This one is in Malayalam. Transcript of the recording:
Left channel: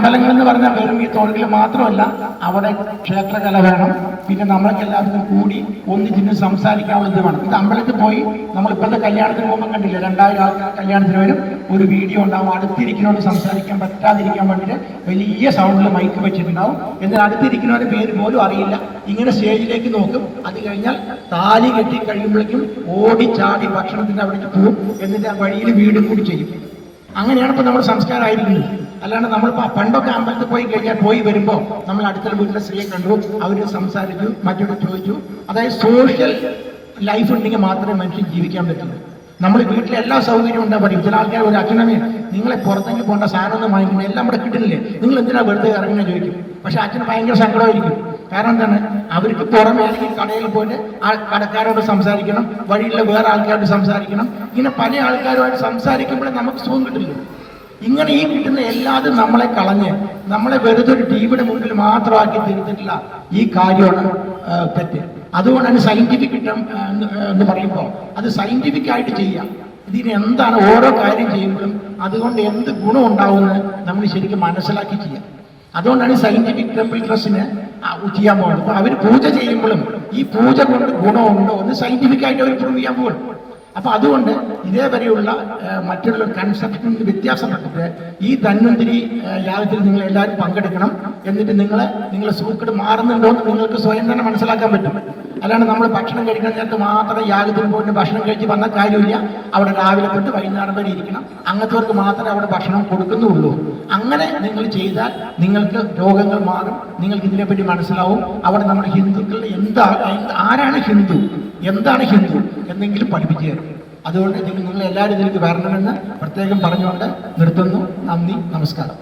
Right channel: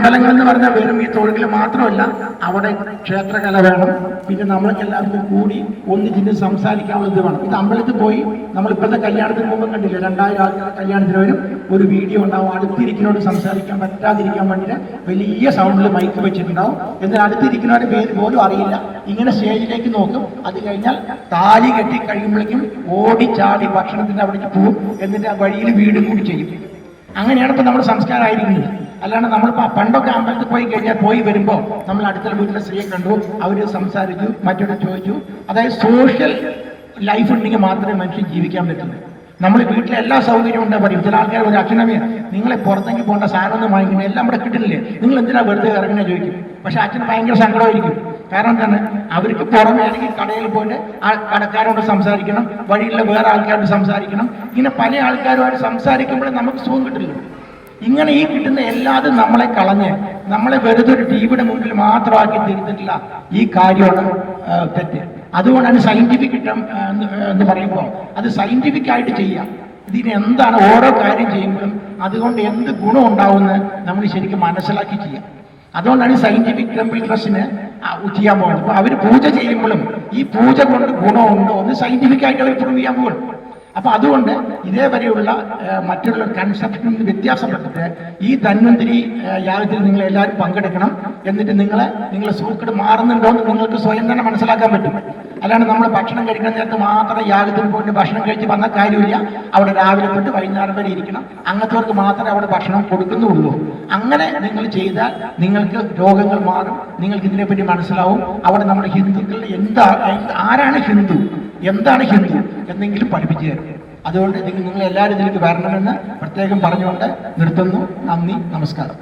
അമ്പലങ്ങൾ എന്ന് പറഞ്ഞാൽ വെറും ഈ തൊഴിൽ മാത്രമല്ല, അവിടെ ക്ഷേത്രകല വേണം. പിന്നെ നമ്മൾക്ക് എല്ലാവർക്കും കൂടി ഒന്നിച്ചിട്ട് സംസാരിക്കാവുന്നത് വേണം. ഇത് അമ്പലത്തിൽ പോയി നമ്മളിപ്പോഴത്തെ കല്യാണത്തിന് മുമ്പ് കണ്ടില്ല, 2000 ആൾക്കാർ കല്യാണത്തിന് വരും, ഒരു വീഡിയോ ഉണ്ടാവും, അടുത്തിരിക്കുന്നവരോട് സംസാരിക്കാൻ പറ്റാതിരിക്കാൻ വേണ്ടിയിട്ട് വലിയ സൗണ്ടിൽ മൈക്ക് വെച്ചിട്ടുണ്ടാവും. എന്നാൽ അടുത്തിരിക്കുന്നവരുടെ പേര് പോലും അറിയില്ല. ഇങ്ങനെ സ്റ്റേജിലേക്ക് നോക്കും. അത് കഴിഞ്ഞാൽ താലി കെട്ടി കഴിയുമ്പോഴേക്കും ഓടി ചാടി ഭക്ഷണത്തിൻ്റെ അവിടേക്ക് പോകും. എന്നിട്ട് ആ വഴിയിൽ വീടും കൂടി ചെയ്യും. അങ്ങനെയാണ് ഇപ്പോൾ നമ്മുടെ സംസ്കാരമായിരിക്കുന്നത്. അല്ലാണ്ട് നമ്മൾ പണ്ടൊക്കെ അമ്പലത്തിൽ പോയി കഴിഞ്ഞാൽ പോയി വരുമ്പോൾ നമ്മൾ അടുത്ത വീട്ടിലെ സ്ത്രീയെ കണ്ടു, അവർ സംസാരിച്ചു, മറ്റൊരു ചോദിച്ചു. അതായത് സോഷ്യൽ ലൈഫ് ഉണ്ടെങ്കിൽ മാത്രമേ മനുഷ്യൻ ജീവിക്കാൻ പറ്റുള്ളൂ. നമ്മൾ വീട്ടിലെ എല്ലാ സൗകര്യവും ഉണ്ടാ പറയും. ചില ആൾക്കാർ ഒരു അച്ഛനമ്മയും നിങ്ങളെ പുറത്തേക്ക് പോകേണ്ട സാധനമൊന്നും വാങ്ങിക്കണം, എല്ലാം ഇവിടെ കിട്ടുന്നില്ലേ, നിങ്ങൾ എന്തിനാ വെറുതെ ഇറങ്ങുന്നത് ചോദിക്കും. പക്ഷെ അച്ഛന് ഭയങ്കര സങ്കടമായിരിക്കും. കാരണം തന്നെ അവർക്ക് പുറമെ അല്ലെങ്കിൽ കടയിൽ പോയിട്ട് ആ കടക്കാരോട് സംസാരിക്കണം, വഴിയിലുള്ള വേറെ ആൾക്കാരോട് സംസാരിക്കണം. ഇങ്ങനെ പല ആൾക്കാരുമായിട്ട് സംസാരിക്കുമ്പോഴേ നമുക്ക് സുഖം കിട്ടില്ല. ഇങ്ങനെ ഈ കിട്ടുന്ന എല്ലാതും നമ്മളെ കളഞ്ഞ് നമ്മളെ വെറുതെ ഒരു ടിവിയുടെ മുമ്പിൽ മാത്രമാക്കി തീർത്തിട്ടില്ല. ഈ കാര്യമാണ് തെറ്റ്. അതുകൊണ്ടാണ് സയന്റിഫിക് എന്ന് പറയുമ്പോൾ അത് സയന്റിഫിക് ആയിട്ട് ചെയ്യാം. ഇതിന് എന്താണ് ഓരോ കാര്യം ചെയ്യുമ്പോഴും അതുകൊണ്ട് എന്ത് ഗുണം ഉണ്ടാവുമെന്ന് നമ്മൾ ശരിക്കും മനസ്സിലാക്കി ചെയ്യാം. അതുകൊണ്ടാണ് സയന്റിഫിക് ടെമ്പിൾ ട്രസ്റ്റിന് ചെയ്യാൻ പോകുന്നത്. അപ്പോൾ അവർ പൂജ ചെയ്യുമ്പോഴും ഈ പൂജ കൊണ്ട് ഗുണമുണ്ടോ എന്ന് സയന്റിഫിക് ആയിട്ട് അവർ പ്രൂവ് ചെയ്യാൻ പോകും. അപ്പോൾ അതുകൊണ്ട് ഇതേവരെയുള്ള മറ്റുള്ള കൺസെപ്ഷനിൽ വ്യത്യാസപ്പെട്ടിട്ട് ഈ ധന്വന്തരി യാഗത്തിൽ നിങ്ങൾ എല്ലാവരും പങ്കെടുക്കണം. എന്നിട്ട് നിങ്ങളെ സൂക്കട് മാറുന്നുണ്ടോ എന്ന് നിങ്ങൾക്ക് സ്വയം തന്നെ മനസ്സിലാക്കാൻ പറ്റും. അല്ലാണ്ട് നമ്മൾ ഭക്ഷണം കഴിക്കുന്ന നേരത്ത് മാത്രം യാഗത്തിന് പോയിട്ട് ഭക്ഷണം കഴിച്ച് വന്ന കാര്യമില്ല. അവിടെ രാവിലെ തൊട്ട് വൈകുന്നേരം വരെ ഇരിക്കണം. അങ്ങനത്തെവർക്ക് മാത്രമേ അവിടെ ഭക്ഷണം കൊടുക്കുന്നുള്ളൂ. അങ്ങനെ നിങ്ങൾ ചെയ്താൽ നിങ്ങൾക്ക് രോഗങ്ങൾ മാറും. നിങ്ങൾക്ക് ഇതിനെപ്പറ്റി മനസ്സിലാവും. അവിടെ നമ്മുടെ ഹിന്ദുക്കൾ ആരാണ് ഹിന്ദു, എന്താണ് ഹിന്ദു എന്നെങ്കിലും പഠിപ്പിച്ചു തരും. അതുകൊണ്ട് നിങ്ങൾ എല്ലാവരും ഇതിലേക്ക് വരണമെന്ന് പ്രത്യേകം പറഞ്ഞുകൊണ്ട് നിർത്തുന്നു. നന്ദി, നമസ്കാരം.